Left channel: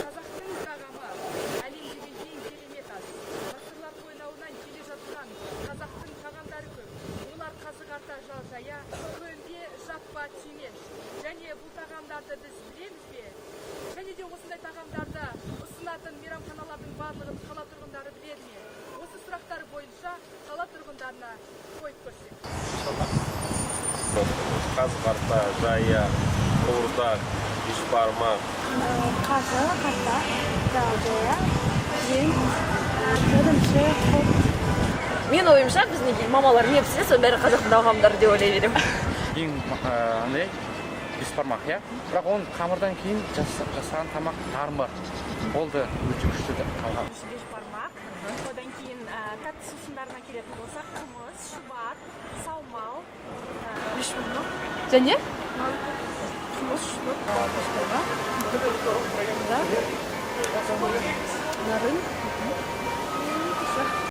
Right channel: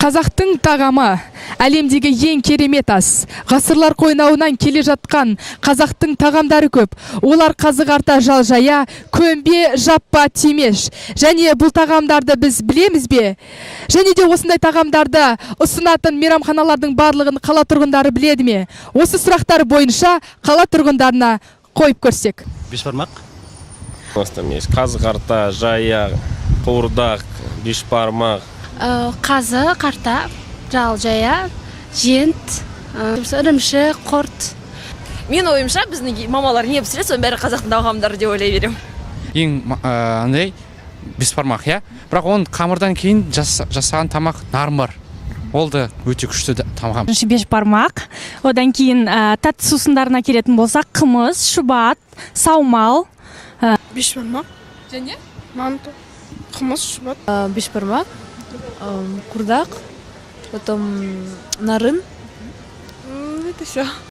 Қазақтың тағамы әлемдегі ең керемет ас. Ғасырлар қойнауынан келе жатқан қазақтың тағамдары көп. Олар қазы қарта, жал жая, көмбе, жаппа, темеш. Және бұл тағамдарды біз білеміз бе? Және де осындай тағамдарды ұсынатын мейрамханалардың барлығын қала тұрғындары біледі ме? Осы сұрақтар бойынша қала тұрғындарына қойып көрсек. Бешбармақ? Қазы қарта, жая, қуырдақ, бешбармақ. Қазы қарта, жал жая, жент, ірімшік, құрт. Мен ойымша біздің мамалар не пісіреді, соның бәрі қазақтың тағамдары деп ойлай беремін. Ең бешбармақ, иә? Бірақ оның қамырдан кейін жасаған тамақ нармар. Ол да өте күшті тамақ. Бешбармақ, одан кейін тәтті сусындарына келетін болсақ, қымыз, шұбат, саумал. Бешбармақ. Және? Манты. Қымыз, шұбат. Бешбармақ, курдак, потом нарын.